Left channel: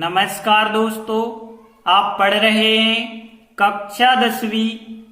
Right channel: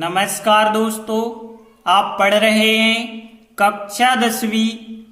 नमस्कार दोस्तों, आप पढ़ रहे हैं कक्षा 10वीं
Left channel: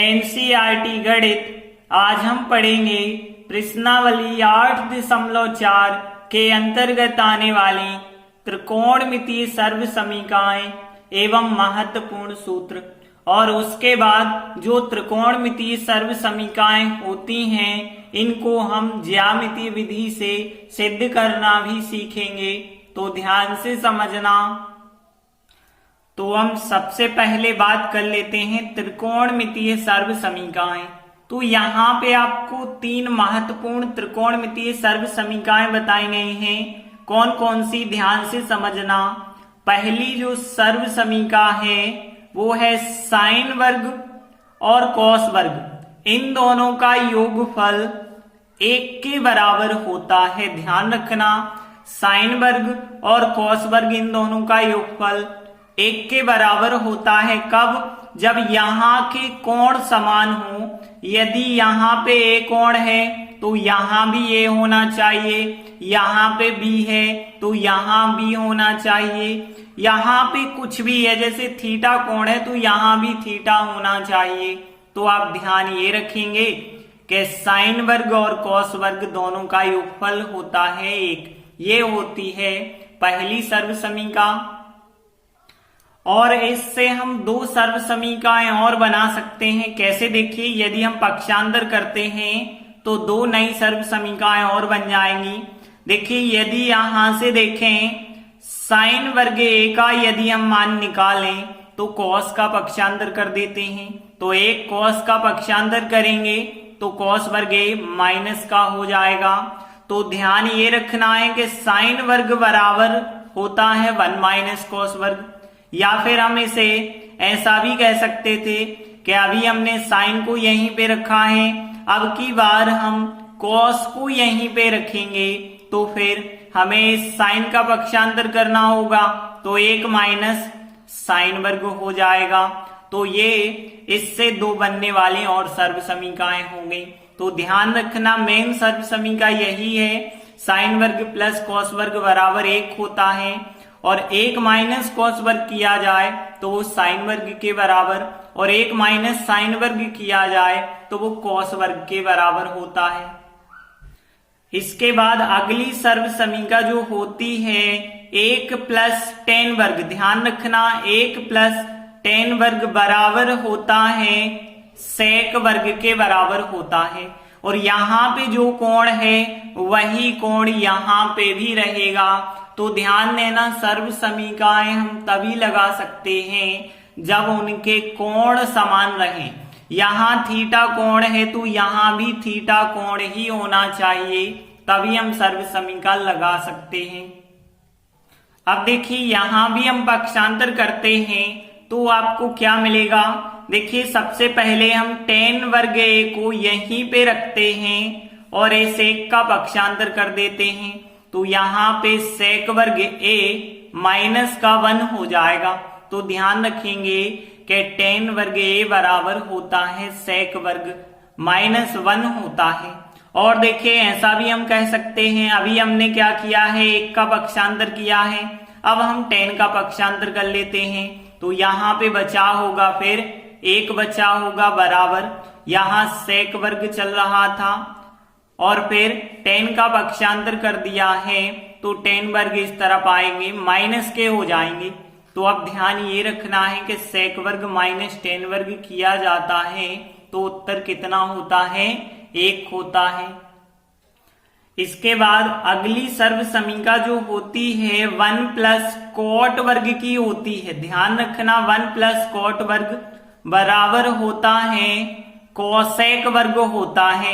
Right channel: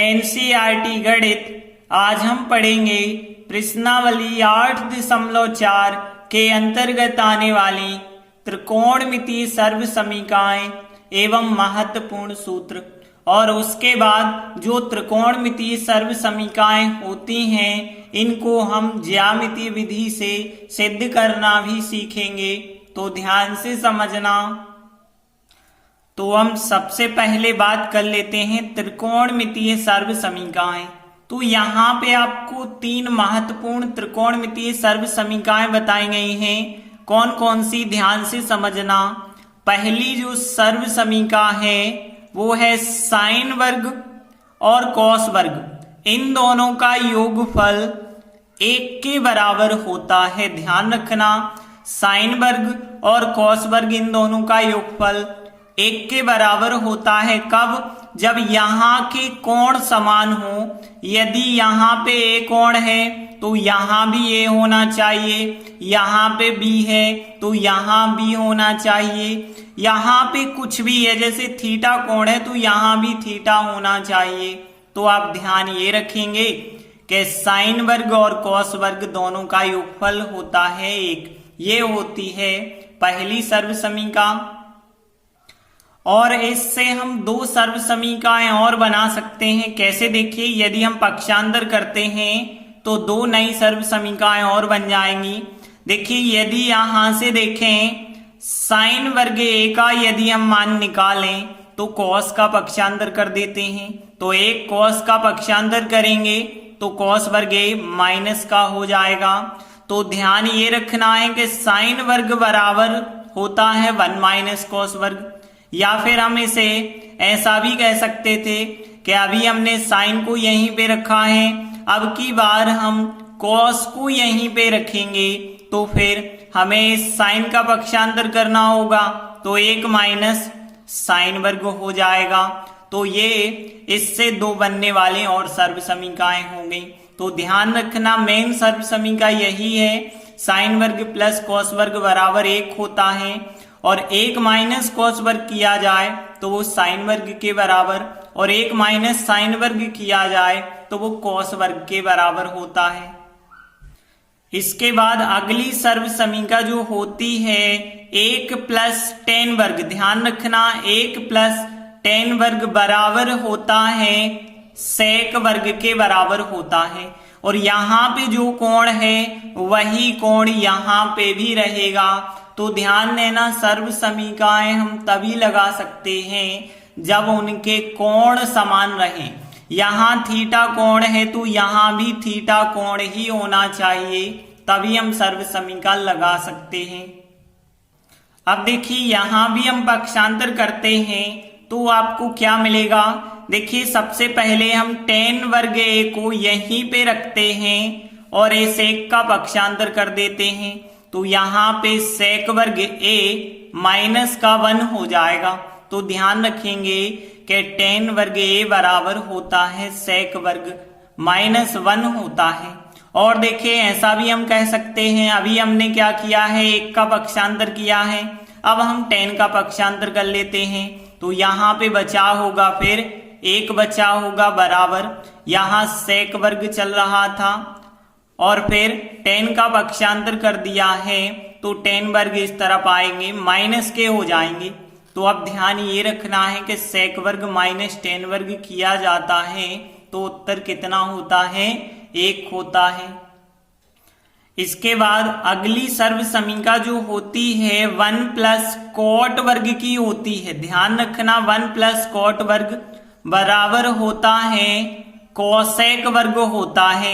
एनसीईआरटी गणित। आज हम पढ़ेंगे प्रश्नावली 8.4 के अंतर्गत आने वाली त्रिकोणमितीय सर्वसमीकाएं एवं महत्वपूर्ण सूत्र। और उसके बाद जो त्रिकोणमितीय सर्वसमीकाएं होती हैं इनको हम ज्यामितीय विधि से सिद्ध करना भी सीखेंगे, तो ध्यान से समझना। तो हम सबसे पहले बात कर लेते हैं त्रिकोणमितीय सर्वसमीकाएं। तो यहाँ पे आपको तीन महत्वपूर्ण त्रिकोणमितीय सर्वसमीकाएं बताई गई हैं। कौन कौन सी, ध्यान से समझना। पहली जो सर्वसमीका है वो है साइन वर्ग और कॉस वर्ग, इन दोनों का योगफल 1 के बराबर होता है। ध्यान रखना, साइन वर्ग और कॉस वर्ग इन दोनों का योगफल 1 के बराबर होता है। कब? जब यहाँ के कोण समान हो। यदि यहाँ पे ए कोण है तो यहाँ भी ए होना चाहिए, यहाँ पे बी है तो यहाँ बी होना चाहिए, यहाँ पे कुछ भी है जैसे थीटा कोण है तो यहाँ भी थीटा होना चाहिए। तो आप ध्यान ये रखेंगे कि साइन वर्ग और कॉस वर्ग दोनों का योगफल होता है 1। ये होती है पहली सर्वसमीका। और इससे हम दो सर्वसमीकाएं और बना सकते हैं। कैसे? देखिए, यदि हम पक्षांतर करते हैं तो दो नई सर्वसमीकाएं और बन जाएंगी। देखिए, यदि यहां से देखें साइन वर्ग ए का यदि हम मान निकालें तो कॉस का पक्षांतर कर देते हैं, तो एक कॉस का पक्षांतर करेंगे तो कॉस वर्ग ए माइनस का हो जाएगा। तो ध्यान ये रखना है कि साइन वर्ग बराबर होता है 1 माइनस कॉस वर्ग। या फिर हम इसे ऐसा भी कह सकते थे कि अभी हमने साइन को यहीं पे रखा है, अब की बार हम कॉस को यहीं पे रखेंगे तो फिर हमें इस साइन का पक्षांतर करना होगा, तो 1 माइनस साइन वर्ग हो जाएगा। तो ये इससे दो बनने वाली और सर्वसमीकाएं होंगी। तो ध्यान रखना, मेन सर्वसमीका यही है, साइन वर्ग प्लस कॉस वर्ग बराबर 1 होता है। और 1 माइनस कॉस वर्ग किया जाए तो वो साइन वर्ग के बराबर, और 1 माइनस साइन वर्ग किया जाए तो वो कॉस वर्ग के बराबर होता है। इसके बाद अगली सर्वसमीका जो होती है 1 प्लस tan वर्ग। ध्यान रखना, 1 प्लस tan वर्ग बराबर होता है sec वर्ग के बराबर होता है। और यहाँ पे जो कोण है वही कोण यहाँ पे भी रहेगा। तो ध्यान देना, सर्वसमीकाएं हम तभी लगा सकते हैं जब उनके कोण समान रहें। यहाँ थीटा कोण है तो यहाँ भी थीटा कोण ही होना चाहिए, तभी हम सर्वसमीका लगा सकते हैं। अब देखिए, यहाँ भी हम पक्षांतर करते हैं तो आपको क्या मिलेगा। देखिए, सबसे पहले हम tan वर्ग ए को यहीं पे रखते हैं और इस एक का पक्षांतर कर देते हैं, तो यहाँ पे sec वर्ग ए माइनस का 1 हो जाएगा। तो ध्यान रखेंगे कि tan वर्ग ए बराबर होता है sec वर्ग माइनस 1 होता है। और देखिए, ऐसा भी हम कह सकते हैं, अभी हमने क्या किया है, 1 का पक्षांतर किया है, अब हम tan का पक्षांतर कर लेते हैं। तो यहाँ पे बचा होगा, फिर 1 बचा होगा बराबर, यहाँ sec वर्ग चल रहा था और फिर tan का पक्षांतर कर दिया है तो tan वर्ग इस तरफ आएंगे, माइनस के हो जाएंगे। तो अब ध्यान ये रखना है कि sec वर्ग माइनस tan वर्ग किया जाता है तो उत्तर कितना होता है, 1 होता है। इसके बाद अगली सर्वसमीका जो होती है 1 प्लस कॉट वर्ग की होती है। ध्यान रखना, 1 प्लस कॉट वर्ग बराबर होता है कोसेक वर्ग होता है।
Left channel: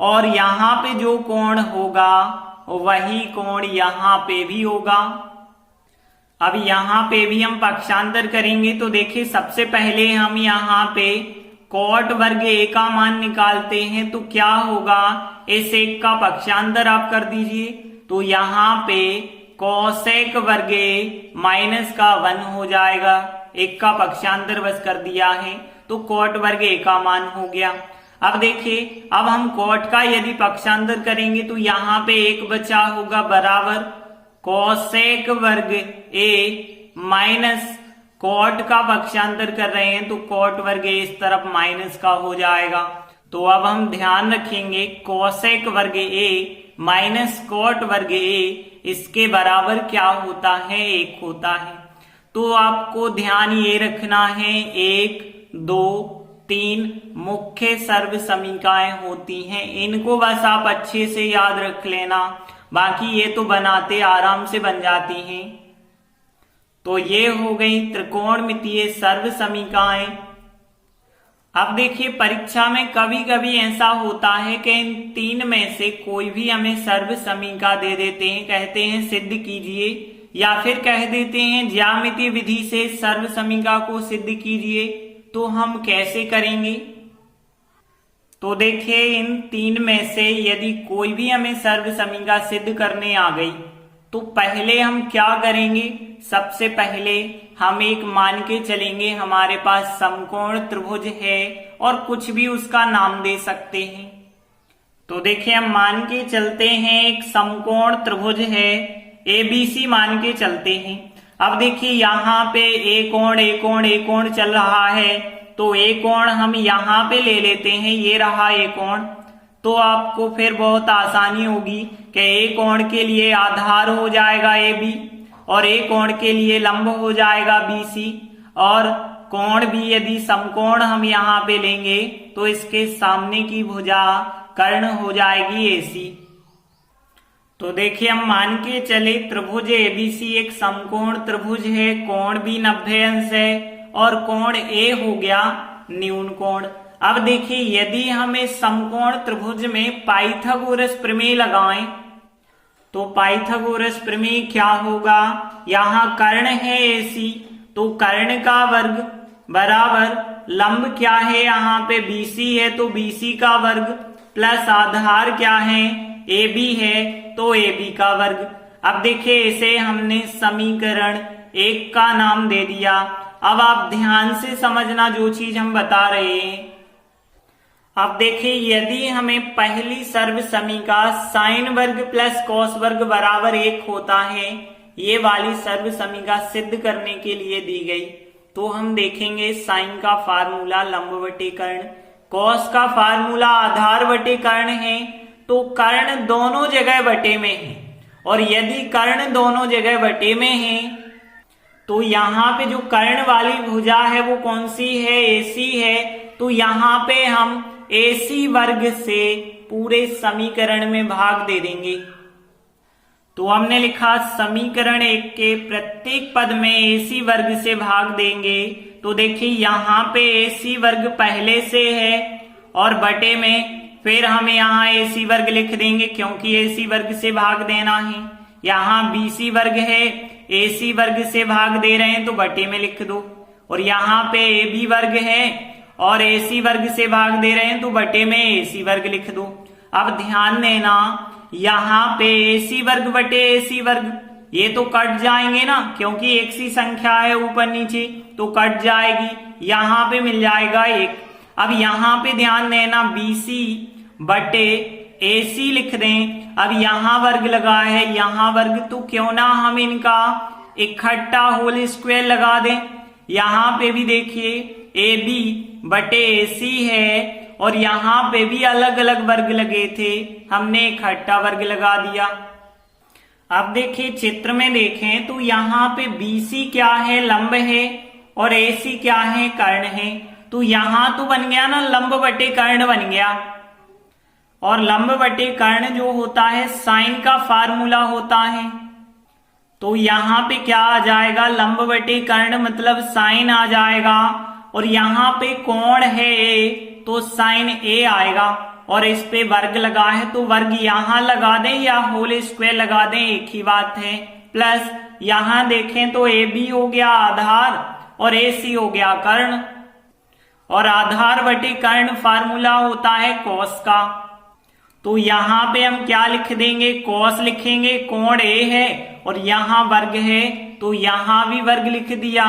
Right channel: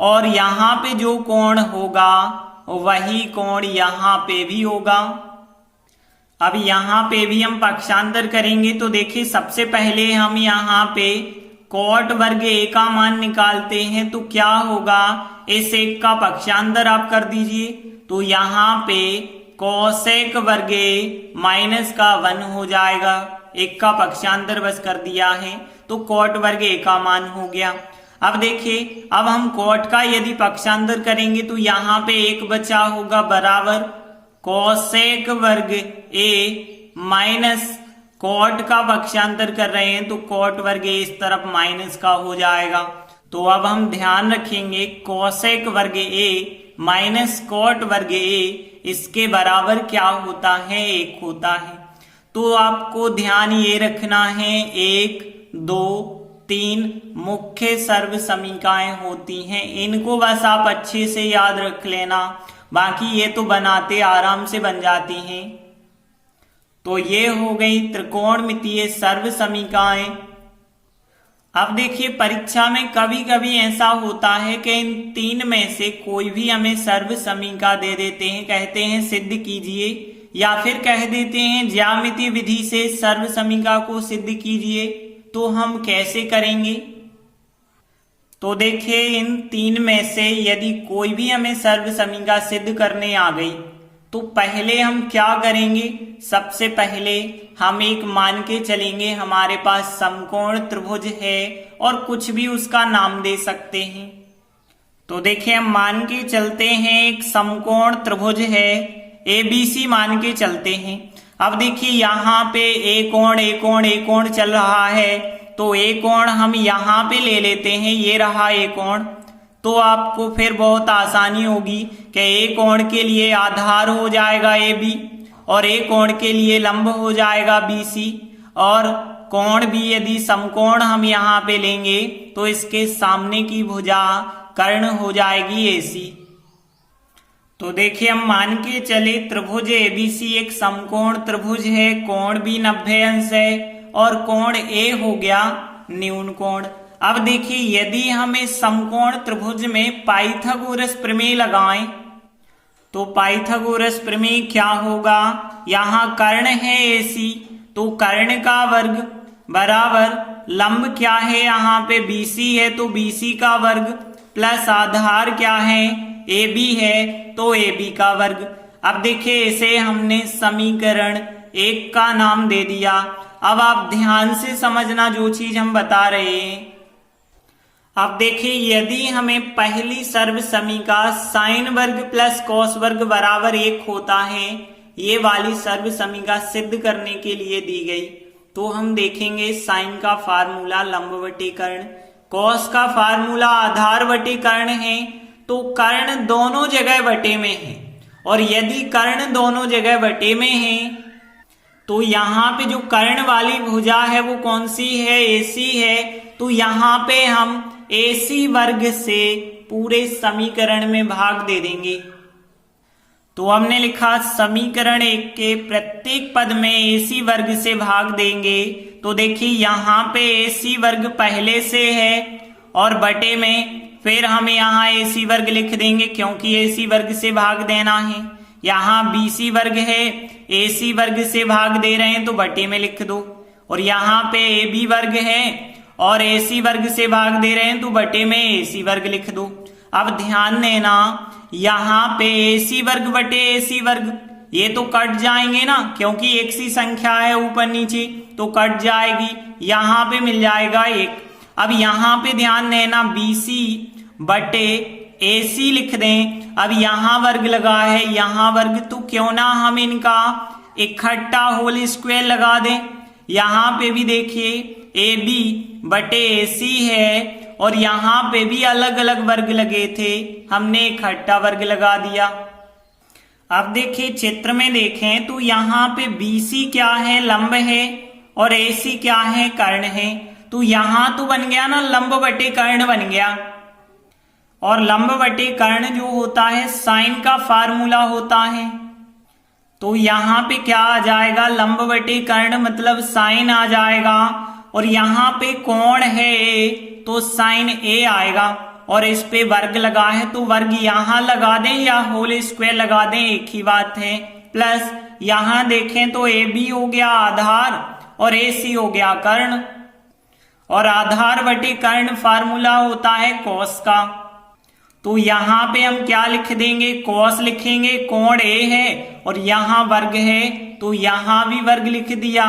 और यहाँ पे जो कोण होगा वही कोण यहाँ पे भी होगा। अब यहाँ पे भी हम पक्षांतर करेंगे तो देखिए, सबसे पहले हम यहाँ पे कॉट वर्ग ए का मान निकालते हैं तो क्या होगा, इस एक का पक्षांतर आप कर दीजिए तो यहाँ पे कोसेक वर्ग ए माइनस का 1 हो जाएगा। एक का पक्षांतर बस कर दिया है तो कॉट वर्ग ए का मान हो गया। अब देखिए, अब हम कॉट का यदि पक्षांतर करेंगे तो यहाँ पे 1 बचा होगा बराबर कोसेक वर्ग ए माइनस कॉट का पक्षांतर कर रहे हैं तो कॉट वर्ग ए इस तरफ माइनस का हो जाएगा। तो अब हम ध्यान रखेंगे कोसेक वर्ग ए माइनस कॉट वर्ग ए इसके बराबर क्या होता है, 1 होता है। तो आपको ध्यान ये रखना है 1, 2, 3 मुख्य सर्व समीकरणाएं होती हैं, इनको बस आप अच्छे से याद रख लेना, बाकी ये तो बनाते आराम से बन जाती हैं। तो ये हो गई त्रिकोणमितीय सर्व समीकरणाएं। अब देखिए परीक्षा में कभी कभी ऐसा होता है कि इन 3 में से कोई भी हमें सर्व समीकरण दे देते हैं, कहते हैं सिद्ध कीजिए, या फिर कह देते हैं ज्यामितीय विधि से सर्व समीकरण को सिद्ध कीजिए। तो हम कैसे करेंगे? तो देखिए इन 3 में से यदि कोई भी हमें सर्व समीकरण सिद्ध करने आ गई तो पहले हम क्या करेंगे? सबसे पहले हम एक मान के चलेंगे हमारे पास समकोण त्रिभुज है और कुछ भी उसका नाम दे सकते हैं। तो देखिए हम मान के चलते हैं एक समकोण त्रिभुज है, ABC मान के चलते हैं। अब देखिए यहाँ पे एक कोण चल रहा है, तो एक कोण हम यहाँ पे ले लेते हैं, ये रहा एक कोण। तो आपको फिर बहुत आसानी होगी कि एक कोण के लिए आधार हो जाएगा AB और एक कोण के लिए लंब हो जाएगा BC, और कोण भी यदि समकोण हम यहाँ पे लेंगे तो इसके सामने की भुजा कर्ण हो जाएगी AC। तो देखिए हम मान के चले त्रिभुज ABC एक समकोण त्रिभुज है, कोण भी 90 अंश है और कोण A हो गया न्यून कोण। अब देखिए यदि हम इस समकोण त्रिभुज में पाइथागोरस प्रमेय लगाएं तो पाइथागोरस प्रमेय क्या होगा? यहाँ कर्ण है AC, तो कर्ण का वर्ग बराबर लंब क्या है यहाँ पे BC है तो BC का वर्ग प्लस आधार क्या है AB है तो AB का वर्ग। अब देखिए इसे हमने समीकरण 1 का नाम दे दिया। अब आप ध्यान से समझना जो चीज हम बता रहे हैं। अब देखिए यदि हमें पहली सर्व समीकरण साइन वर्ग प्लस कॉस वर्ग बराबर 1 होता है, ये वाली सर्व समीकरण सिद्ध करने के लिए दी गई, तो हम देखेंगे साइन का फार्मूला लंब बटे कर्ण, कॉस का फार्मूला आधार बटे कर्ण है, तो कर्ण दोनों जगह बटे में है, और यदि कर्ण दोनों जगह बटे में है तो यहाँ पे जो कर्ण वाली भुजा है वो कौन सी है? AC है। तो यहाँ पे हम AC वर्ग से पूरे समीकरण में भाग दे देंगे। तो हमने लिखा समीकरण 1 के प्रत्येक पद में AC वर्ग से भाग देंगे। तो देखिए यहाँ पे AC वर्ग पहले से है और बटे में फिर हम यहाँ AC वर्ग लिख देंगे क्योंकि AC वर्ग से भाग देना है। यहाँ BC वर्ग है, AC वर्ग से भाग दे रहे हैं तो बटे में लिख दो, और यहाँ पे AB वर्ग है और AC वर्ग से भाग दे रहे हैं तो बटे में AC वर्ग लिख दो। अब ध्यान देना यहाँ पे AC वर्ग बटे AC वर्ग ये तो कट जाएंगे ना, क्योंकि एक सी संख्या है ऊपर नीचे तो कट जाएगी, यहाँ पे मिल जाएगा 1। अब यहाँ पे ध्यान देना BC बटे AC लिख दें। अब यहाँ वर्ग लगा है, यहाँ वर्ग, तो क्यों ना हम इनका इकट्ठा होल स्क्वायर लगा दें। यहाँ पे भी देखिए AB बटे AC है और यहाँ पे भी अलग अलग वर्ग लगे थे, हमने इकट्ठा वर्ग लगा दिया। अब देखिए चित्र में देखें तो यहाँ पे BC क्या है? लंब है, और AC क्या है? कर्ण है। तो यहाँ तो बन गया ना लंब बटे कर्ण बन गया, और लंब बटे कर्ण जो होता है साइन का फार्मूला होता है। तो यहाँ पे क्या आ जाएगा? लंब बटे कर्ण मतलब साइन आ जाएगा, और यहाँ पे कोण है A तो साइन A आएगा, और इस पे वर्ग लगा है तो वर्ग यहाँ लगा दें या होल स्क्वायर लगा दें, एक ही बात है। प्लस यहाँ देखें तो AB हो गया आधार और AC हो गया कर्ण, और आधार बटे कर्ण फार्मूला होता है कॉस का। तो यहाँ पे हम क्या लिख देंगे? कॉस लिखेंगे, कोण A है और यहाँ वर्ग है तो यहाँ भी वर्ग लिख दिया,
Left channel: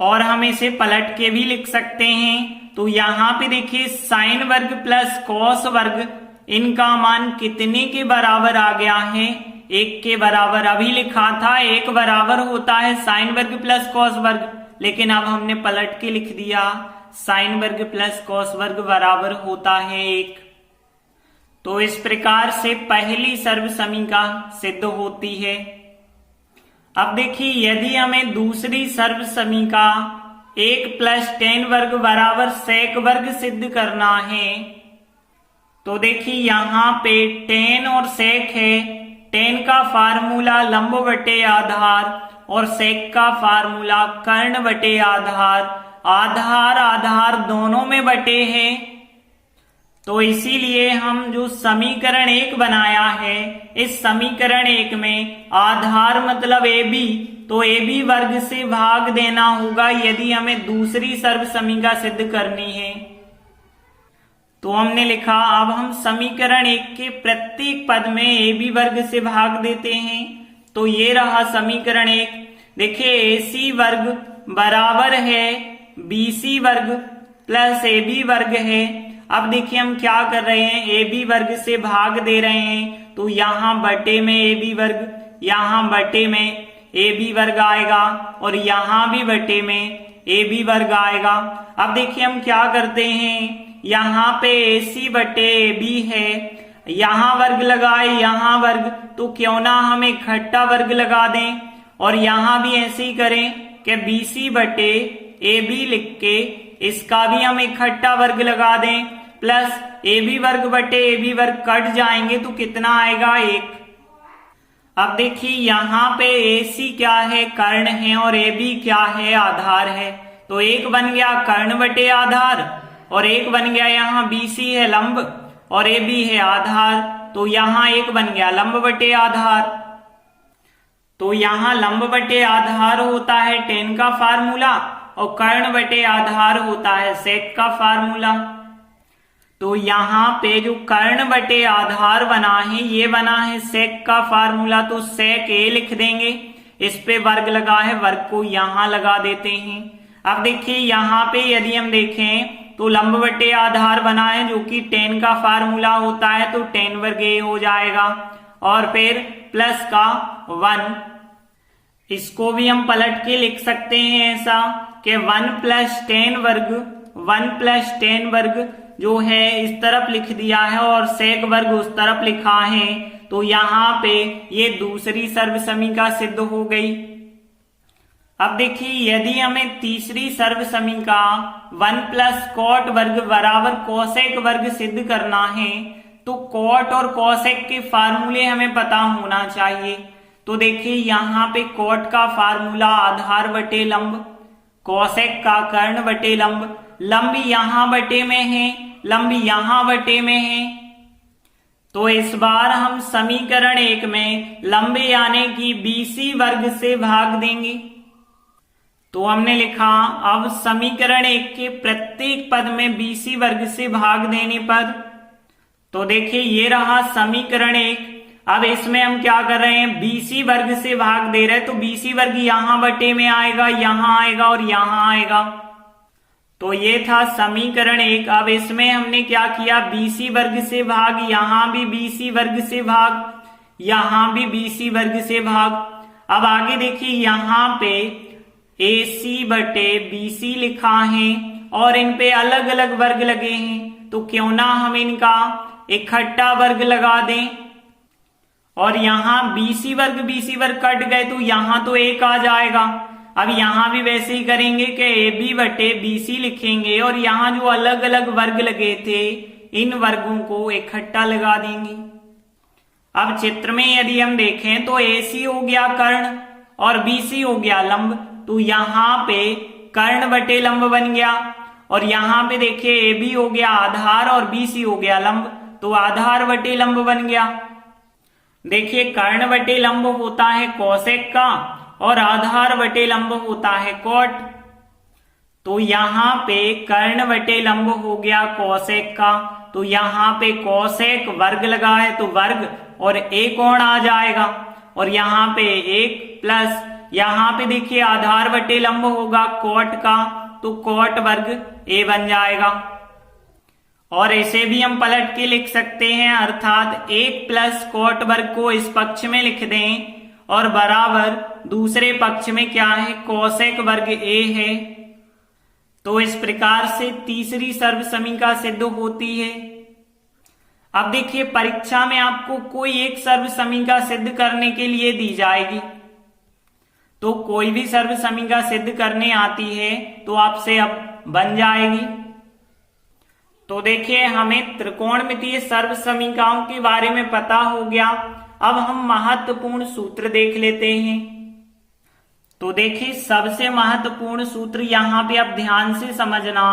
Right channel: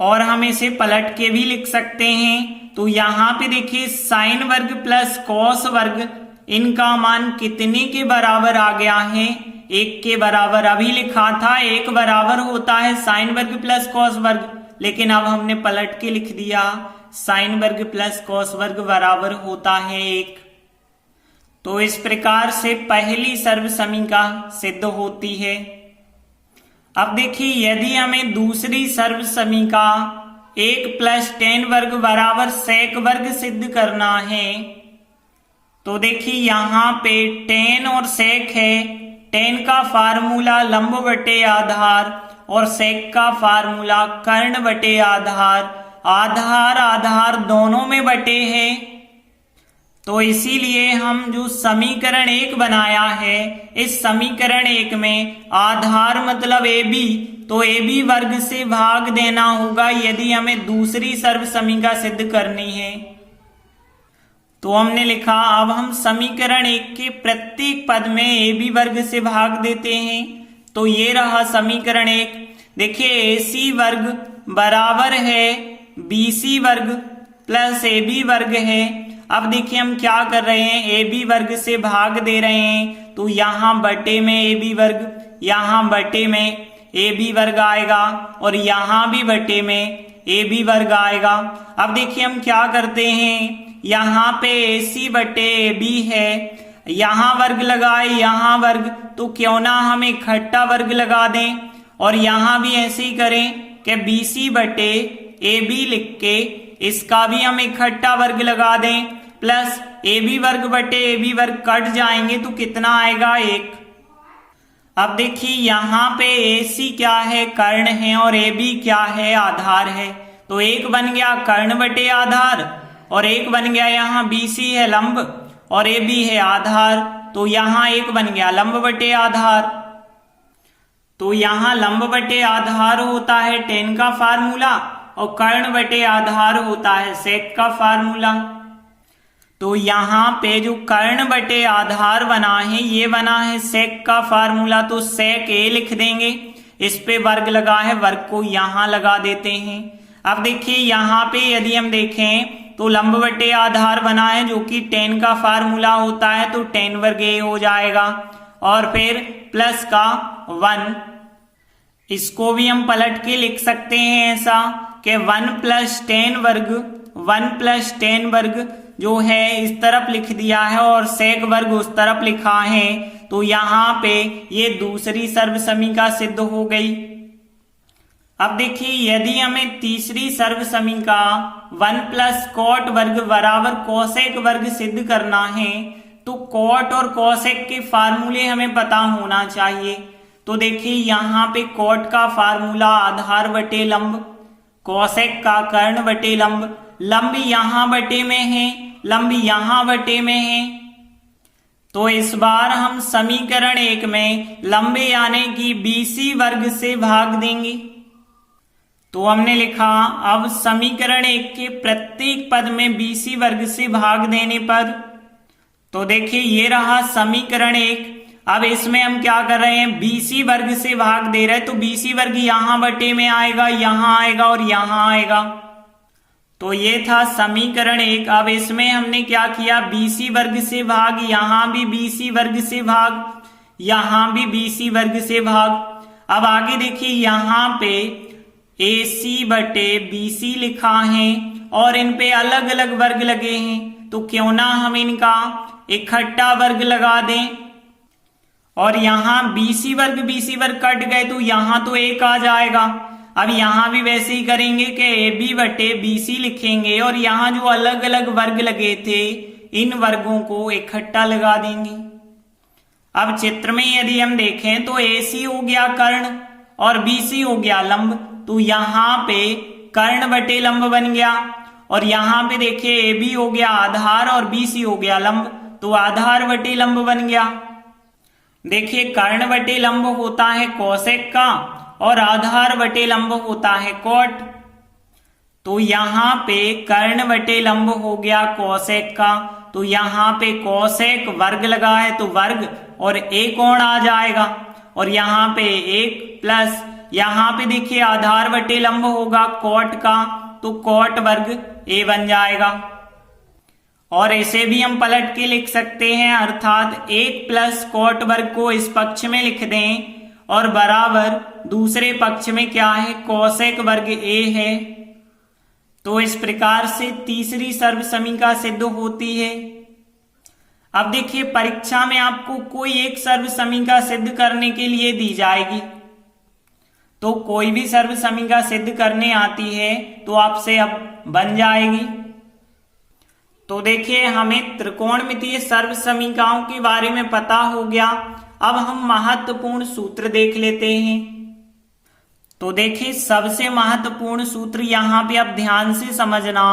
और हम इसे पलट के भी लिख सकते हैं। तो यहाँ पे देखिए साइन वर्ग प्लस कॉस वर्ग, इनका मान कितने के बराबर आ गया है? 1 के बराबर अभी लिखा था 1 बराबर होता है साइन वर्ग प्लस कॉस वर्ग, लेकिन अब हमने पलट के लिख दिया साइन वर्ग प्लस कॉस वर्ग बराबर होता है 1। तो इस प्रकार से पहली सर्व समीका सिद्ध होती है। अब देखिए यदि हमें दूसरी सर्व समीका 1 + tan वर्ग बराबर sec वर्ग सिद्ध करना है, तो देखिए यहां पे tan और sec है। tan का फार्मूला लंब बटे आधार और sec का फार्मूला कर्ण बटे आधार, आधार आधार दोनों में बटे हैं। तो इसीलिए हम जो समीकरण 1 बनाया है, इस समीकरण 1 में आधार मतलब AB, तो AB वर्ग से भाग देना होगा यदि हमें दूसरी सर्व समीका सिद्ध करनी है। तो हमने लिखा अब हम समीकरण 1 के प्रत्येक पद में AB वर्ग से भाग देते हैं। तो ये रहा समीकरण 1। देखिए AC वर्ग बराबर है BC वर्ग प्लस AB वर्ग है। अब देखिए हम क्या कर रहे हैं, AB वर्ग से भाग दे रहे हैं, तो यहां बटे में AB वर्ग, यहां बटे में AB वर्ग आएगा और यहां भी बटे में AB वर्ग आएगा। अब देखिए हम क्या करते हैं, यहां पे AC बटे AB है, यहां वर्ग लगाए यहां वर्ग, तो क्यों ना हम इकट्ठा वर्ग लगा दें और यहां भी ऐसे ही करें कि BC बटे AB लिख के इसका भी हम इकट्ठा वर्ग लगा दें, प्लस AB वर्ग बटे AB वर्ग कट जाएंगे तो कितना आएगा 1। अब देखिए यहां पे AC क्या है, कर्ण है, और AB क्या है, आधार है। तो 1 बन गया कर्ण बटे आधार और 1 बन गया यहाँ BC है लंब और AB है आधार, तो यहाँ 1 बन गया लंब बटे आधार। तो यहाँ लंब बटे आधार होता है tan का फार्मूला और कर्ण बटे आधार होता है sec का फार्मूला। तो यहाँ पे जो कर्ण बटे आधार बना है ये बना है sec का फार्मूला, तो sec a लिख देंगे, इस पे वर्ग लगा है, वर्ग को यहाँ लगा देते हैं। अब देखिए यहाँ पे यदि हम देखें तो लंब बटे आधार बना है जो कि tan का फार्मूला होता है, तो tan वर्ग a हो जाएगा और फिर प्लस का 1, इसको भी हम पलट के लिख सकते हैं ऐसा कि 1 + tan वर्ग, 1 + tan वर्ग जो है इस तरफ लिख दिया है और sec वर्ग उस तरफ लिखा है। तो यहाँ पे ये दूसरी सर्व समीका सिद्ध हो गई। अब देखिए यदि हमें तीसरी सर्व समीका 1 + cot वर्ग बराबर cosec वर्ग सिद्ध करना है, तो cot और cosec के फार्मूले हमें पता होना चाहिए। तो देखिए यहाँ पे cot का फार्मूला आधार बटे लंब, cosec का कर्ण बटे लंब, लंब यहाँ बटे में है, लंब यहाँ बटे में है। तो इस बार हम समीकरण 1 में लंब यानी कि BC वर्ग से भाग देंगे। तो हमने लिखा अब समीकरण 1 के प्रत्येक पद में BC वर्ग से भाग देने पर, तो देखिए ये रहा समीकरण 1। अब इसमें हम क्या कर रहे हैं, BC वर्ग से भाग दे रहे हैं, तो BC वर्ग यहाँ बटे में आएगा, यहाँ आएगा और यहाँ आएगा। तो ये था समीकरण 1। अब इसमें हमने क्या किया, BC वर्ग से भाग, यहाँ भी BC वर्ग से भाग, यहाँ भी BC वर्ग से भाग। अब आगे देखिए यहाँ पे AC बटे BC लिखा है और इन पे अलग अलग वर्ग लगे हैं, तो क्यों ना हम इनका इकट्ठा वर्ग लगा दें और यहाँ BC वर्ग कट गए तो यहाँ तो 1 आ जाएगा। अब यहाँ भी वैसे ही करेंगे कि AB बटे BC लिखेंगे और यहाँ जो अलग अलग वर्ग लगे थे इन वर्गों को इकट्ठा लगा देंगे। अब चित्र में यदि हम देखें तो AC हो गया कर्ण और BC हो गया लंब, तो यहाँ पे कर्ण बटे लंब बन गया और यहाँ पे देखिए AB हो गया आधार और BC हो गया लंब, तो आधार बटे लंब बन गया। देखिए कर्ण बटे लंब होता है कोसेक का और आधार बटे लंब होता है कोट। तो यहाँ पे कर्ण बटे लंब हो गया कोसेक का, तो यहाँ पे कोसेक वर्ग लगा है तो वर्ग और एक कोण आ जाएगा और यहाँ पे 1 प्लस यहाँ पे देखिए आधार बटे लंब होगा कोट का, तो कोट वर्ग a बन जाएगा। और इसे भी हम पलट के लिख सकते हैं, अर्थात 1 प्लस कॉट वर्ग को इस पक्ष में लिख दें और बराबर दूसरे पक्ष में क्या है, कोसेक वर्ग ए है। तो इस प्रकार से तीसरी सर्वसमीका सिद्ध होती है। अब देखिए परीक्षा में आपको कोई एक सर्वसमीका सिद्ध करने के लिए दी जाएगी, तो कोई भी सर्वसमीका सिद्ध करने आती है तो आपसे अब बन जाएगी। तो देखिए हमें त्रिकोणमितीय सर्वसमीकाओं के बारे में पता हो गया। अब हम महत्वपूर्ण सूत्र देख लेते हैं। तो देखिए सबसे महत्वपूर्ण सूत्र यहाँ पे आप ध्यान से समझना,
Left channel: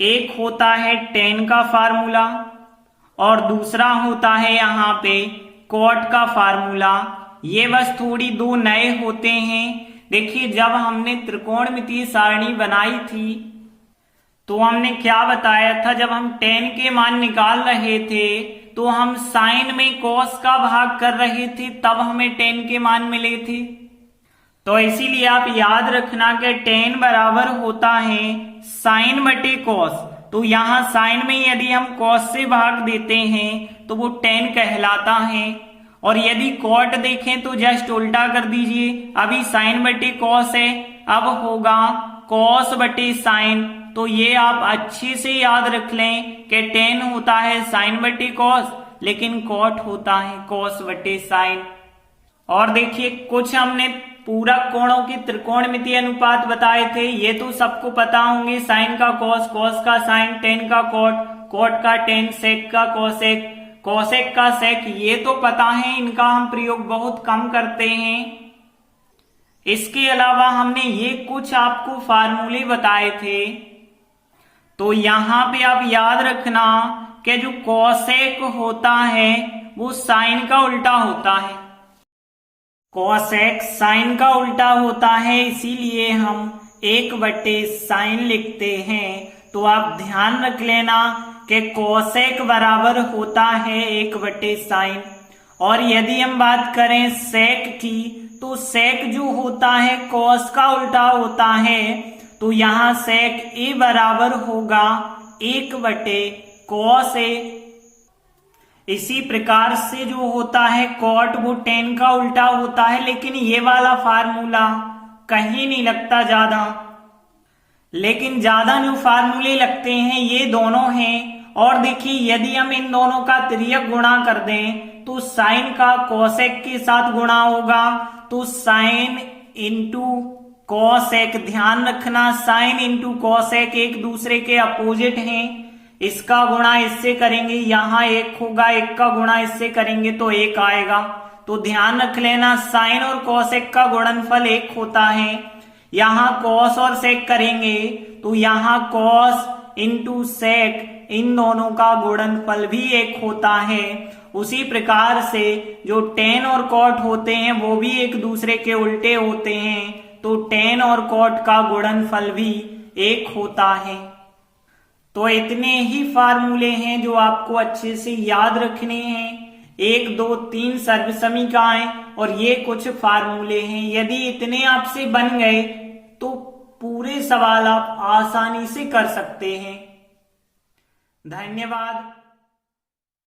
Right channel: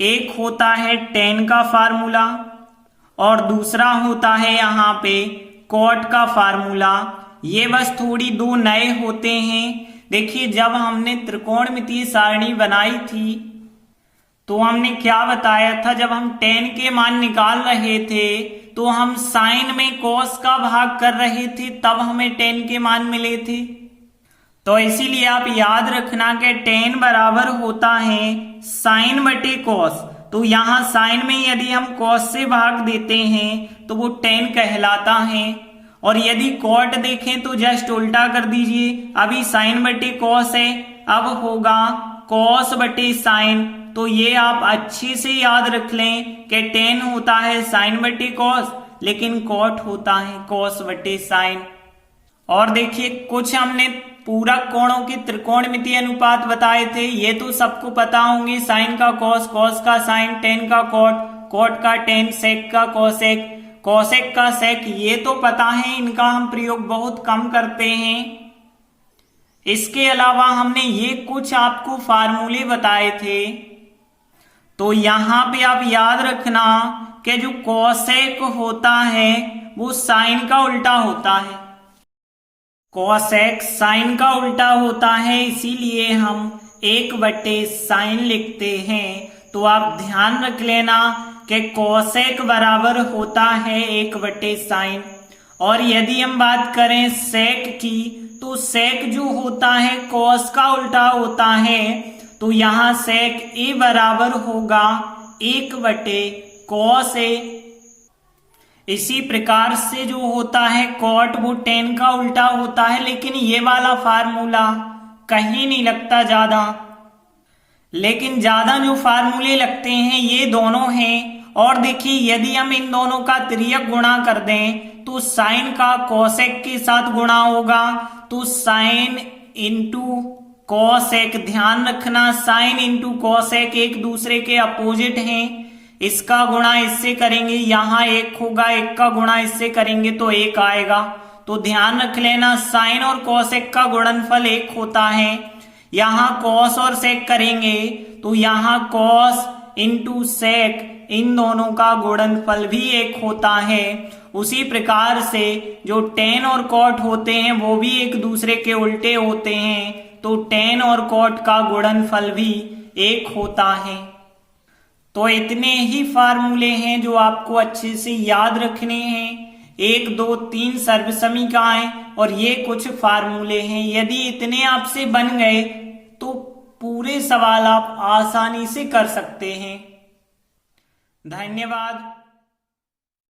एक होता है tan का फार्मूला और दूसरा होता है यहाँ पे cot का फार्मूला। ये बस थोड़ी दो नए होते हैं। देखिए जब हमने त्रिकोणमितीय सारणी बनाई थी तो हमने क्या बताया था, जब हम tan के मान निकाल रहे थे तो हम साइन में cos का भाग कर रहे थे, तब हमें tan के मान मिले थे। तो इसीलिए आप याद रखना कि tan बराबर होता है साइन बटे cos। तो यहाँ साइन में यदि हम cos से भाग देते हैं तो वो tan कहलाता है, और यदि cot देखें तो जस्ट उल्टा कर दीजिए। अभी साइन बटे cos है, अब होगा cos बटे साइन। तो ये आप अच्छे से याद रख लें कि tan होता है साइन बटे cos, लेकिन cot होता है cos बटे साइन। और देखिए कुछ हमने पूरक कोणों के त्रिकोणमितीय अनुपात बताए थे, ये तो सबको पता होंगे, साइन का cos, cos का साइन, tan का cot, cot का tan, sec का cosec, cosec का sec, ये तो पता है, इनका हम प्रयोग बहुत कम करते हैं। इसके अलावा हमने ये कुछ आपको फार्मूले बताए थे। तो यहाँ पे आप याद रखना कि जो cosec होता है वो साइन का उल्टा होता है, cosec साइन का उल्टा होता है, इसीलिए हम 1/sin लिखते हैं। तो आप ध्यान रख लेना कि cosec बराबर होता है 1/sin। और यदि हम बात करें sec की, तो sec जो होता है cos का उल्टा होता है, तो यहाँ sec a बराबर होगा 1/cos a। इसी प्रकार से जो होता है cot वो tan का उल्टा होता है, लेकिन ये वाला फार्मूला कहीं नहीं लगता ज्यादा, लेकिन ज्यादा जो फार्मूले लगते हैं ये दोनों हैं। और देखिए यदि हम इन दोनों का तिर्यक गुणा कर दें तो साइन का cosec के साथ गुणा होगा, तो साइन इंटू cosec, ध्यान रखना साइन इंटू cosec एक दूसरे के अपोजिट हैं, इसका गुणा इससे करेंगे, यहाँ 1 होगा, 1 का गुणा इससे करेंगे तो 1 आएगा। तो ध्यान रख लेना साइन और cosec का गुणनफल 1 होता है। यहाँ cos और sec करेंगे तो यहाँ cos इंटू sec इन दोनों का गुणनफल भी 1 होता है। उसी प्रकार से जो tan और cot होते हैं वो भी एक दूसरे के उल्टे होते हैं, तो tan और cot का गुणनफल भी 1 होता है। तो इतने ही फार्मूले हैं जो आपको अच्छे से याद रखने हैं, 1 2 3 सर्वसमीकाएं और ये कुछ फार्मूले हैं। यदि इतने आपसे बन गए तो पूरे सवाल आप आसानी से कर सकते हैं। धन्यवाद।